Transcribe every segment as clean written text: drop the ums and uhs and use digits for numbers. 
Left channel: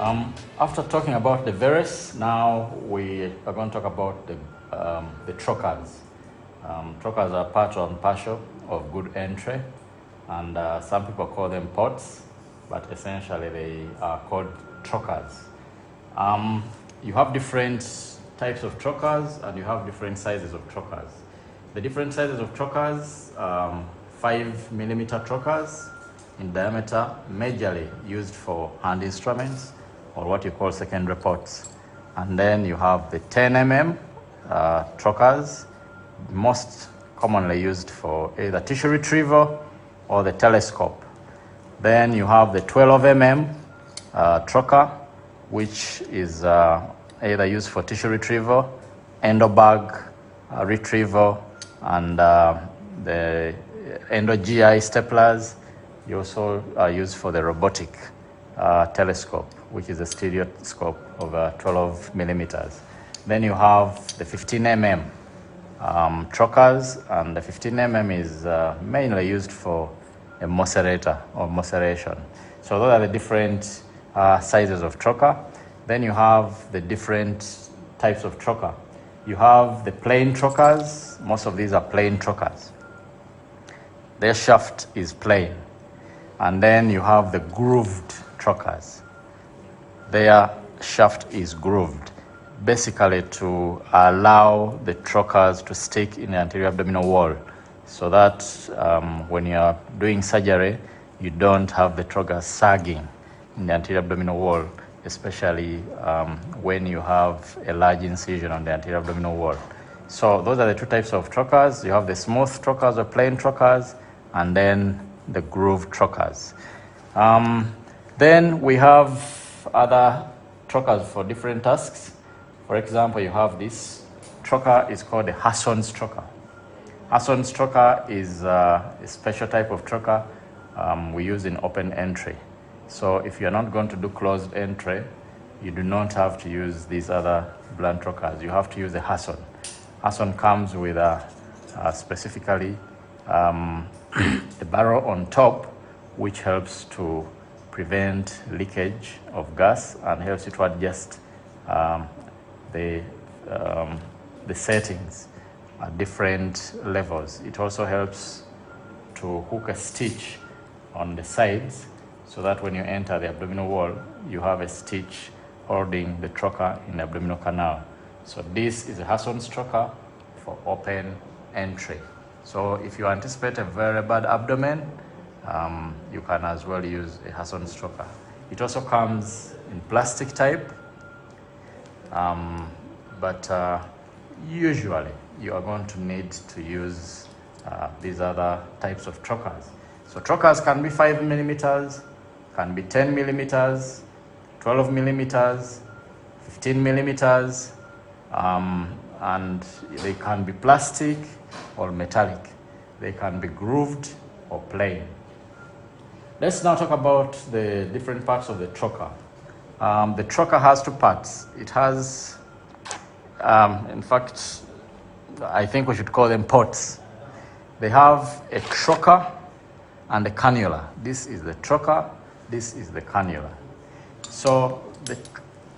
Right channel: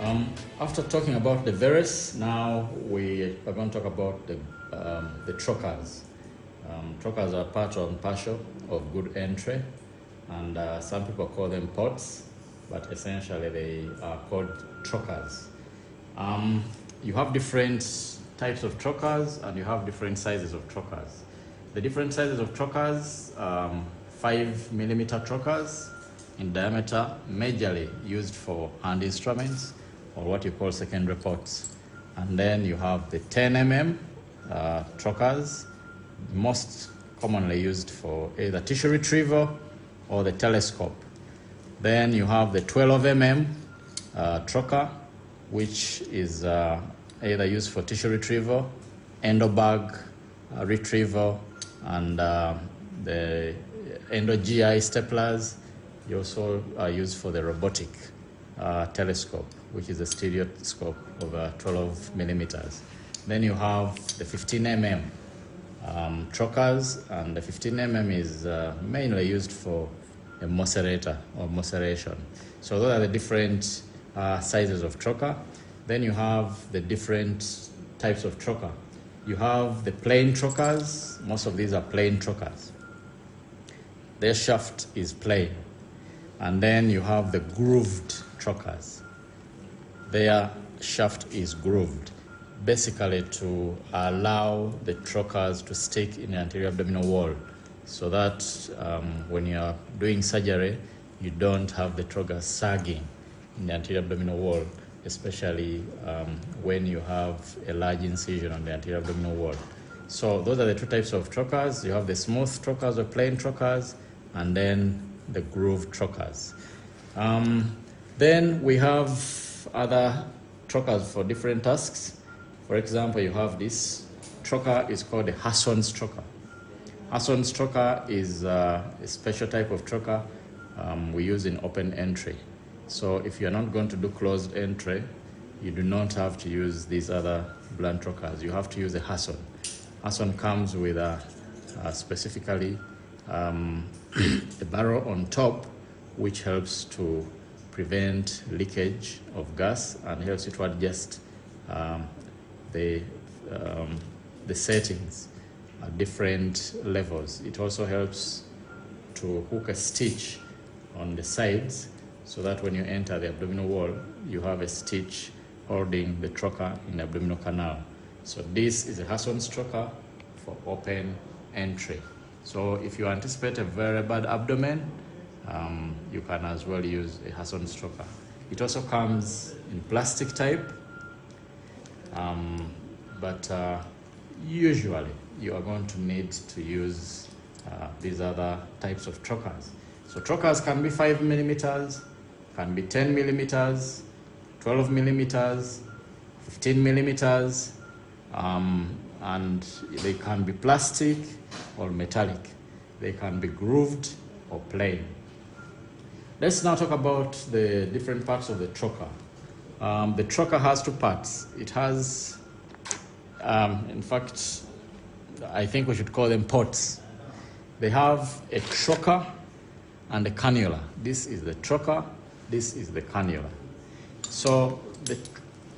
After talking about the varus, now we are going to talk about the trocars. Trocars are part and parcel of good entry, and some people call them ports, but essentially they are called trocars. You have different types of trocars, and you have different sizes of trocars. The different sizes of trocars, 5mm trocars in diameter, majorly used for hand instruments or what you call secondary ports. And then you have the 10mm trocars, most commonly used for either tissue retrieval or the telescope. Then you have the 12mm trocar, which is either used for tissue retrieval, endobag retrieval, and the endo-GI staplers. You also are used for the robotic telescope, which is a stereoscope of 12mm. Then you have the 15mm trocars, and the 15mm is mainly used for a macerator or maceration. So those are the different sizes of trocar. Then you have the different types of trocar. You have the plain trocars. Most of these are plain trocars. Their shaft is plain. And then you have the grooved trocars. Their shaft is grooved, basically to allow the trocars to stick in the anterior abdominal wall, so that when you are doing surgery, you don't have the trocar sagging in the anterior abdominal wall, especially when you have a large incision on the anterior abdominal wall. So those are the two types of trocars. You have the smooth trocars or plain trocars, and then the grooved trocars. Then we have other trocars for different tasks. For example, you have this trocar is called the Hasson's trocar. Hasson's trocar is a special type of trocar we use in open entry. So if you're not going to do closed entry, you do not have to use these other blunt trocars. You have to use a Hasson. Hasson comes with specifically the barrel on top, which helps to prevent leakage of gas and helps you to adjust the settings at different levels. It also helps to hook a stitch on the sides, so that when you enter the abdominal wall, you have a stitch holding the trocar in the abdominal canal. So this is a Hasson's trocar for open entry. So if you anticipate a very bad abdomen, you can as well use a Hasson's trocar. It also comes in plastic type, but usually you are going to need to use these other types of trocars. So trocars can be 5mm, can be 10mm, 12mm, 15mm, and they can be plastic or metallic. They can be grooved or plain. Let's now talk about the different parts of the trocar. The trocar has two parts. It has, in fact, I think we should call them ports. They have a trocar and a cannula. This is the trocar, this is the cannula. So the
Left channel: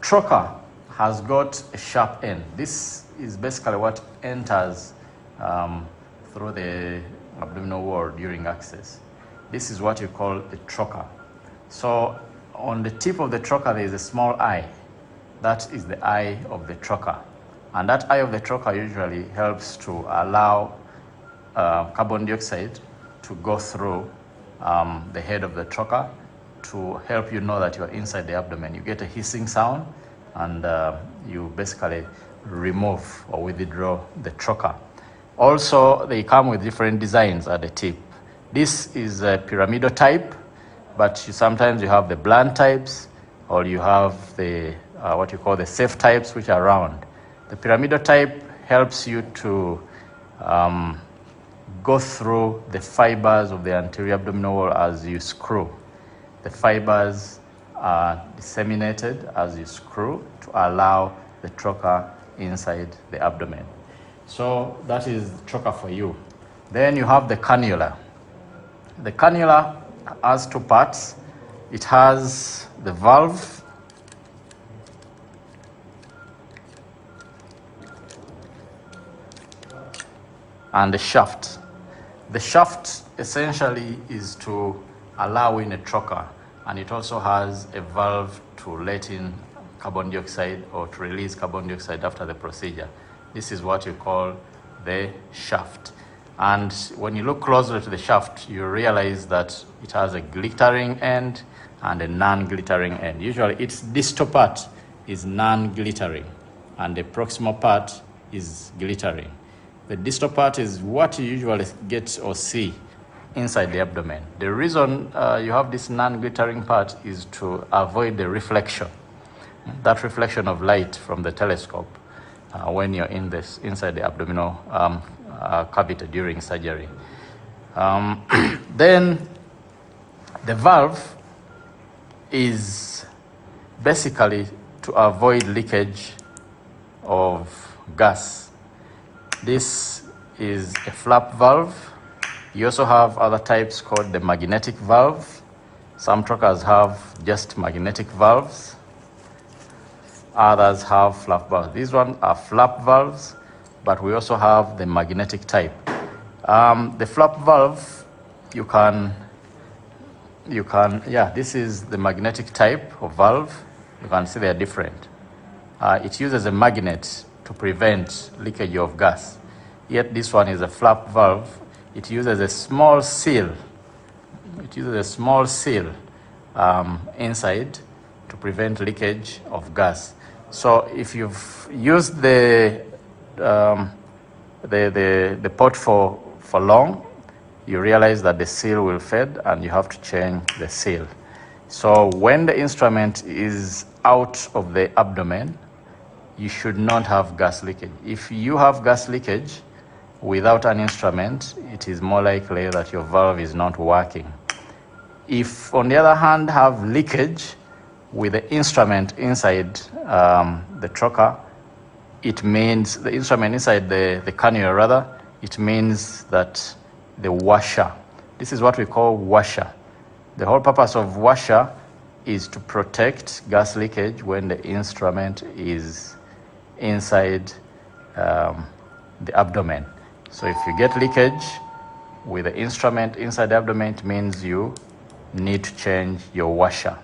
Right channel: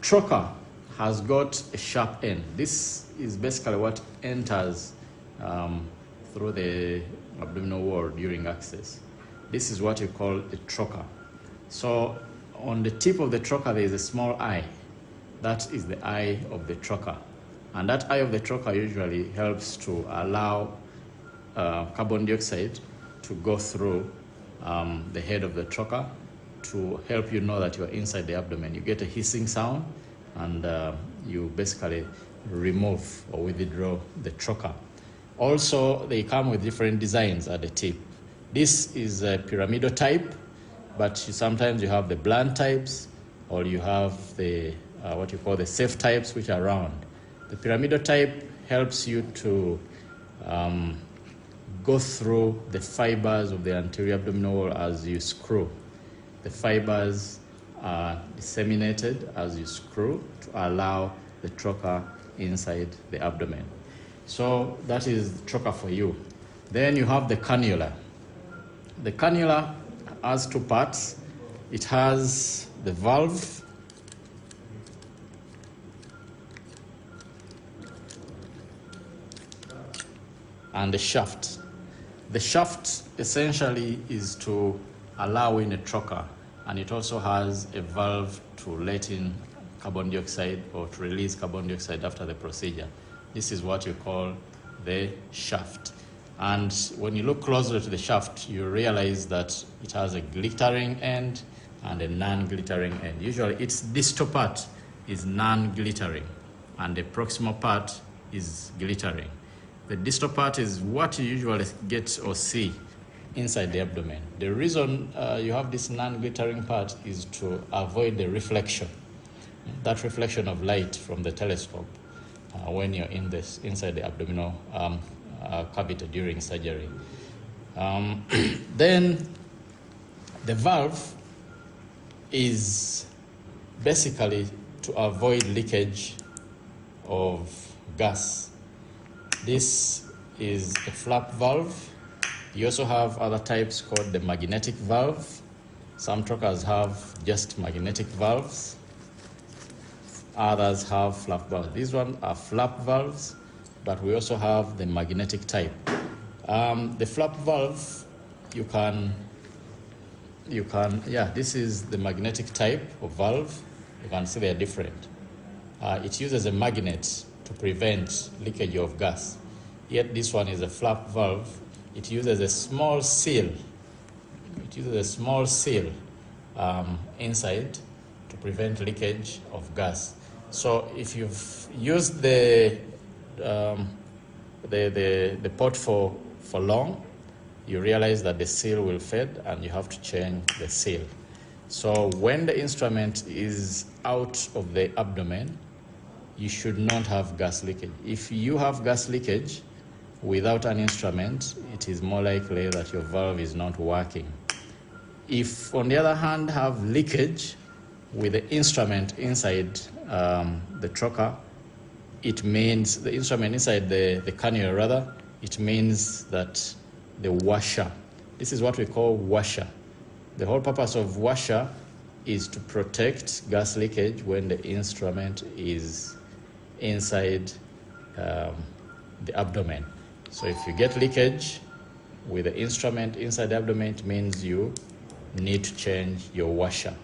trocar has got a sharp end. This is basically what enters through the abdominal wall during access. This is what you call a trocar. So on the tip of the trocar, there is a small eye. That is the eye of the trocar. And that eye of the trocar usually helps to allow carbon dioxide to go through the head of the trocar to help you know that you are inside the abdomen. You get a hissing sound, and you basically remove or withdraw the trocar. Also, they come with different designs at the tip. This is a pyramidal type, but sometimes you have the blunt types, or you have the what you call the safe types, which are round. The pyramidal type helps you to go through the fibers of the anterior abdominal wall as you screw. The fibers are disseminated as you screw to allow the trocar inside the abdomen. So that is the trocar for you. Then you have the cannula. The cannula has two parts. It has the valve and the shaft. The shaft essentially is to allow in a trocar, and it also has a valve to let in carbon dioxide or to release carbon dioxide after the procedure. This is what you call the shaft. And when you look closely to the shaft, you realize that it has a glittering end and a non-glittering end. Usually its distal part is non-glittering and the proximal part is glittering. The distal part is what you usually get or see inside the abdomen. The reason you have this non-glittering part is to avoid the reflection, that reflection of light from the telescope when you're inside the abdominal cavity during surgery. Then the valve is basically to avoid leakage of gas. This is a flap valve. You also have other types called the magnetic valve. Some trocars have just magnetic valves. Others have flap valves. These ones are flap valves, but we also have the magnetic type. The flap valve, this is the magnetic type of valve. You can see they are different. It uses a magnet to prevent leakage of gas. Yet this one is a flap valve. It uses a small seal. Inside to prevent leakage of gas. So if you've used the port for long, you realize that the seal will fade and you have to change the seal. So when the instrument is out of the abdomen, you should not have gas leakage. If you have gas leakage without an instrument, it is more likely that your valve is not working. If, on the other hand, have leakage with the instrument inside the trocar, it means the instrument inside the cannula rather, it means that the washer, this is what we call washer. The whole purpose of washer is to protect gas leakage when the instrument is inside the abdomen. So if you get leakage with the instrument inside the abdomen, it means you need to change your washer.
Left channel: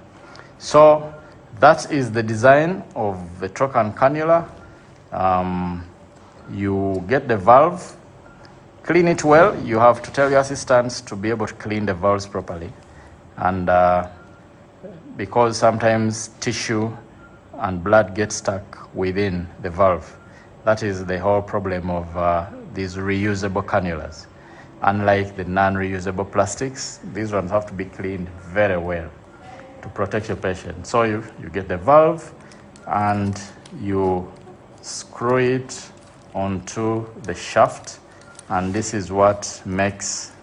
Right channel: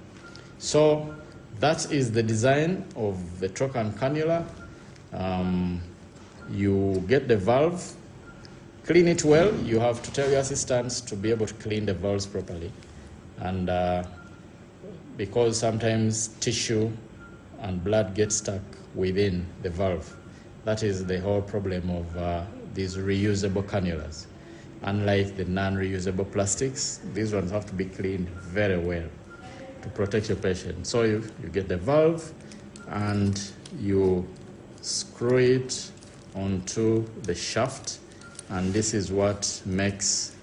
So that is the design of the trocar and cannula. You get the valve, clean it well. You have to tell your assistants to be able to clean the valves properly. And because sometimes tissue and blood get stuck within the valve. That is the whole problem of these reusable cannulas. Unlike the non-reusable plastics, these ones have to be cleaned very well to protect your patient. So you get the valve and you screw it onto the shaft, and this is what makes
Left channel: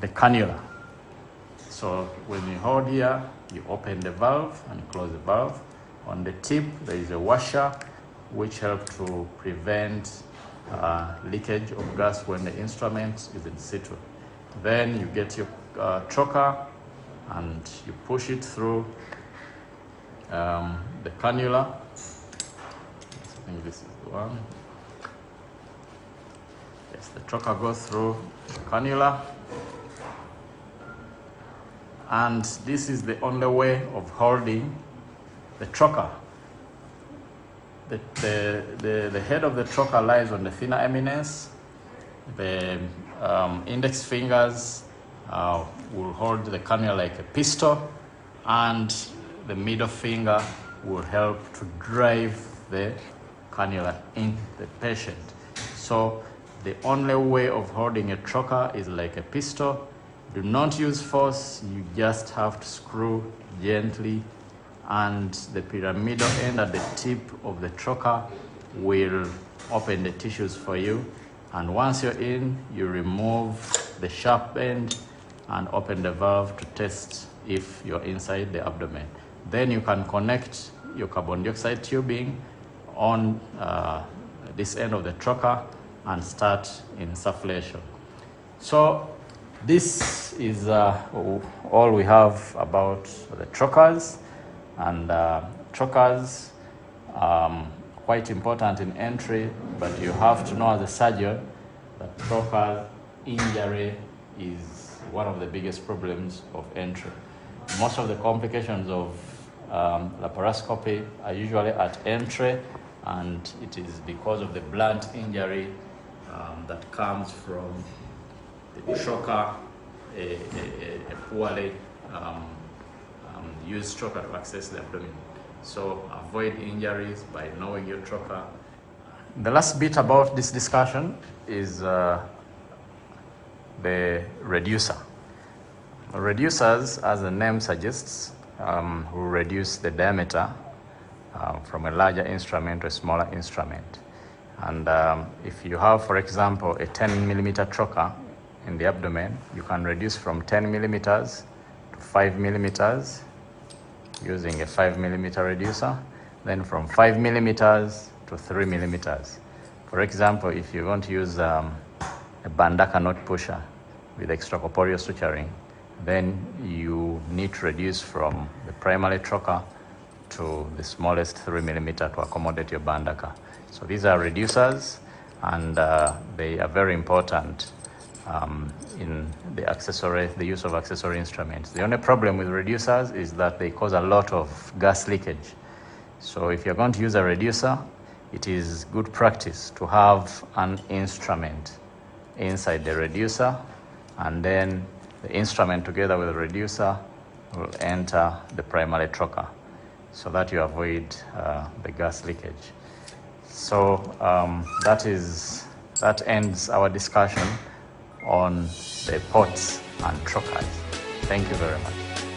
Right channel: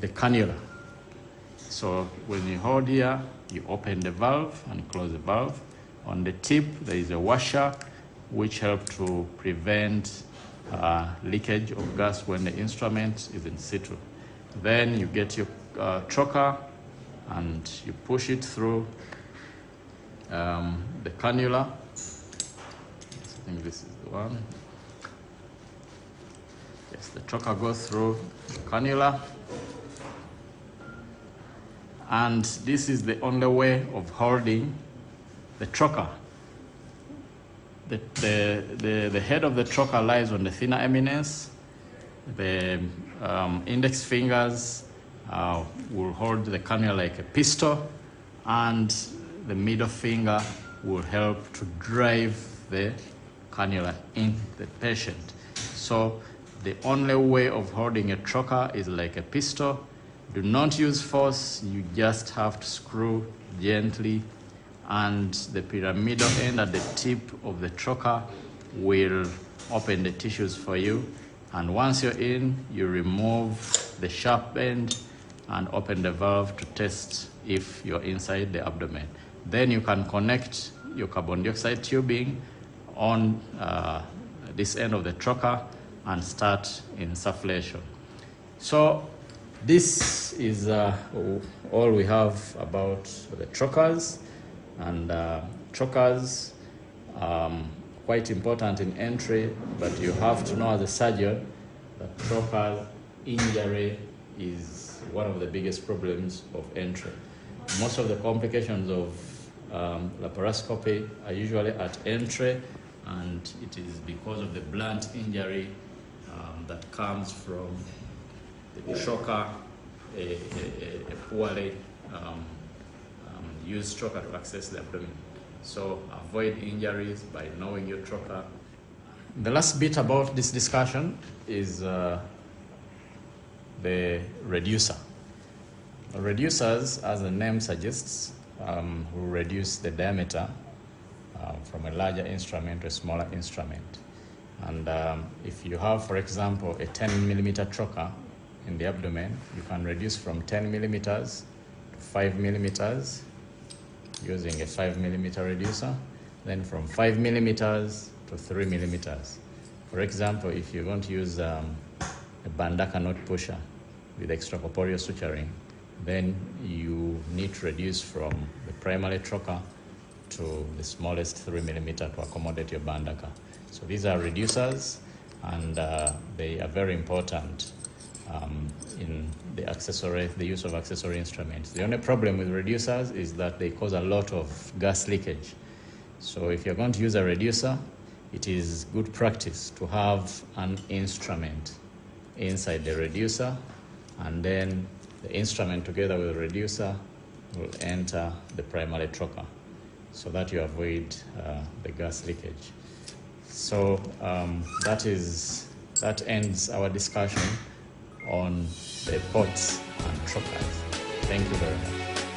the cannula. So when you hold here, you open the valve and close the valve. On the tip, there is a washer which helps to prevent leakage of gas when the instrument is in situ. Then you get your trocar and you push it through the cannula. I think this is the one. Yes, the trocar goes through the cannula. And this is the only way of holding the trocar. The head of the trocar lies on the thinner eminence. The index fingers will hold the cannula like a pistol, and the middle finger will help to drive the cannula in the patient. So the only way of holding a trocar is like a pistol. Do not use force, you just have to screw gently, and the pyramidal end at the tip of the trocar will open the tissues for you. And once you're in, you remove the sharp end and open the valve to test if you're inside the abdomen. Then you can connect your carbon dioxide tubing on this end of the trocar and start insufflation. So this is all we have about the trocars. And trocars quite important in entry, but you have to know as a surgeon that trocar injury is one of the biggest problems of entry. Most of the complications of laparoscopy are usually at entry, and it is because of the blunt injury that comes from the trocar, a poorly used trocar to access the abdomen. So avoid injuries by knowing your trocar. The last bit about this discussion is the reducer. Reducers, as the name suggests, will reduce the diameter from a larger instrument to a smaller instrument. And if you have, for example, a 10 millimeter trocar in the abdomen, you can reduce from 10 millimeters to 5 millimeters using a 5 millimeter reducer, then from 5 millimeters to 3 millimeters. For example, if you want to use a bandaka knot pusher with extracorporeal suturing, then you need to reduce from the primary trocar to the smallest 3 millimeter to accommodate your bandaka. So these are reducers, and they are very important in the use of accessory instruments. The only problem with reducers is that they cause a lot of gas leakage. So if you're going to use a reducer, it is good practice to have an instrument inside the reducer, and then the instrument together with the reducer will enter the primary trocar so that you avoid the gas leakage. So that ends our discussion on the ports and trocars. Thank you very much.